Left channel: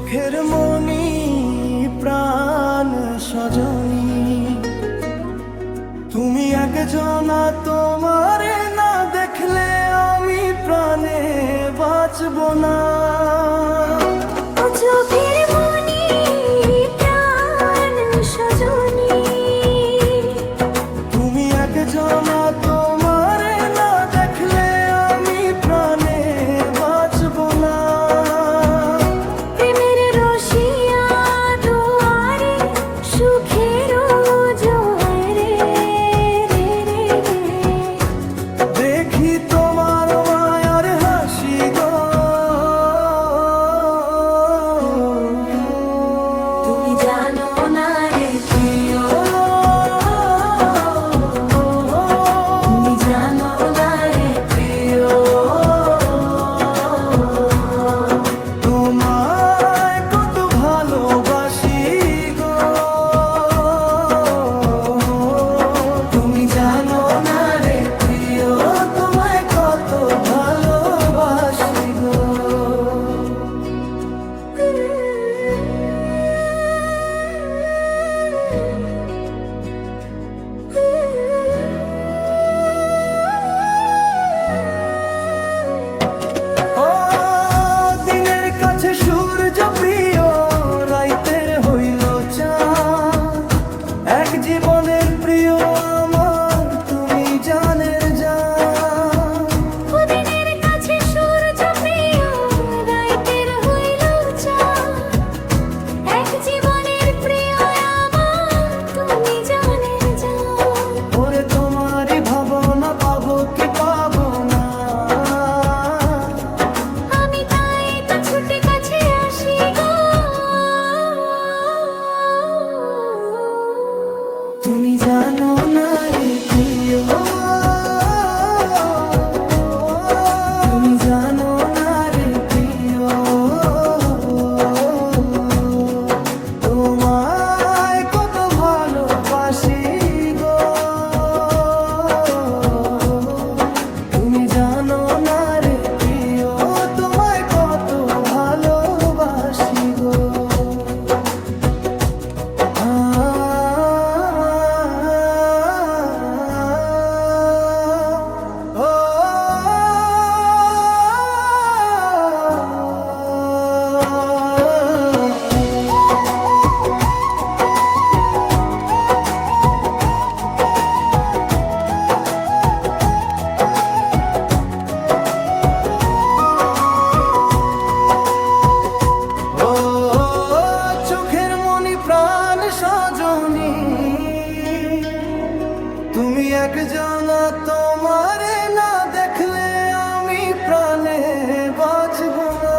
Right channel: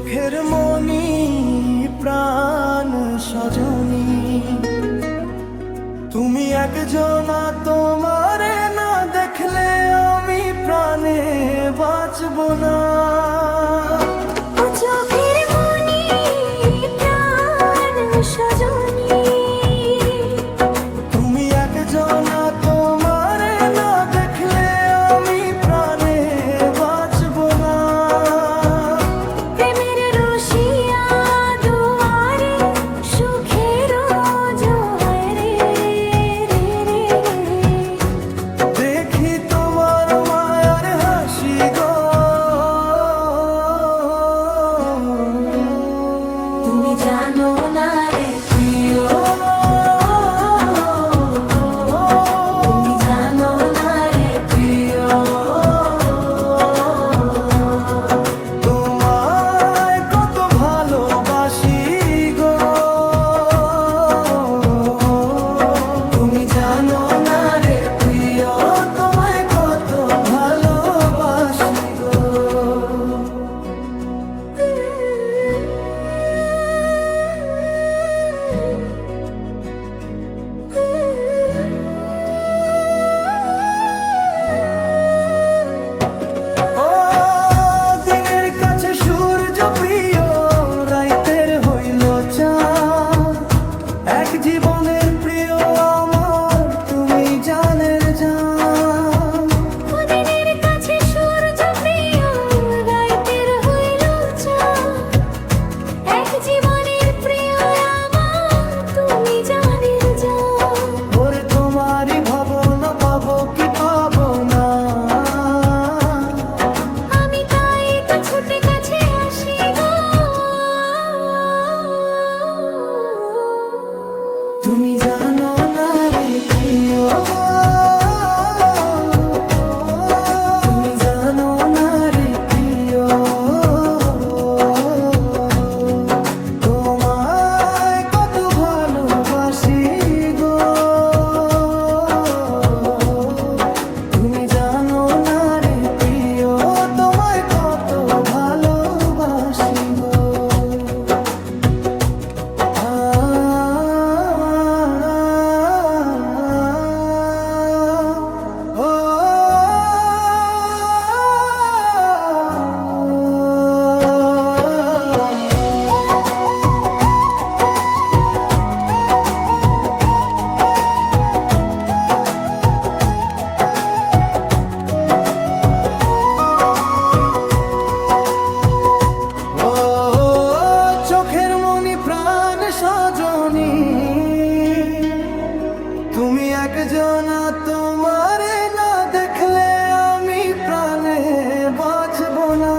চোখের মনি প্রাণ সজনী, তুমি একজনা, তোমারে না দেখলে আমি প্রাণে বাঁচব না। ও চোখের মনি প্রাণ সজনী, তুমি একজনা, তোমারে না দেখলে আমি প্রাণে বাঁচব না। প্রেমের রসিয়া দুয়ারে সুখের জোয়ারে রে রে রে, দেখি তোমার মায়ার হাসি গো, তুমি জানো না রে প্রিয়, তুমি জানো না রে প্রিয়, তোমায় কত ভালোবাসি গো, তুমি জানো না রে প্রিয়, তোমায় কত ভালোবাসি গো। ও দিনের কাছে সূর্য প্রিয়, রাইতের হইল চাঁদ, এক জীবনের প্রিয় আমার, তুমি জানের জান। দিনের কাছে সূর্য প্রিয়, রাইতের হইল চাঁদ, এক জীবনের প্রিয় আমার, তুমি জানের জান। ওরে তোমারই ভাবনা, পাবো কি পাবো না, আমি তাই তো ছুটে কাছে আসি গো, তুমি জানো না রে প্রিয়, তুমি জানো না রে প্রিয়, তোমায় কত ভালোবাসি গো, তুমি জানো না রে প্রিয়, তোমায় কত ভালোবাসি গো। ও চোখের মনি প্রাণ সজনী, তুমি একজনা, তোমারে না দেখলে আমি প্রাণে বাঁচব না।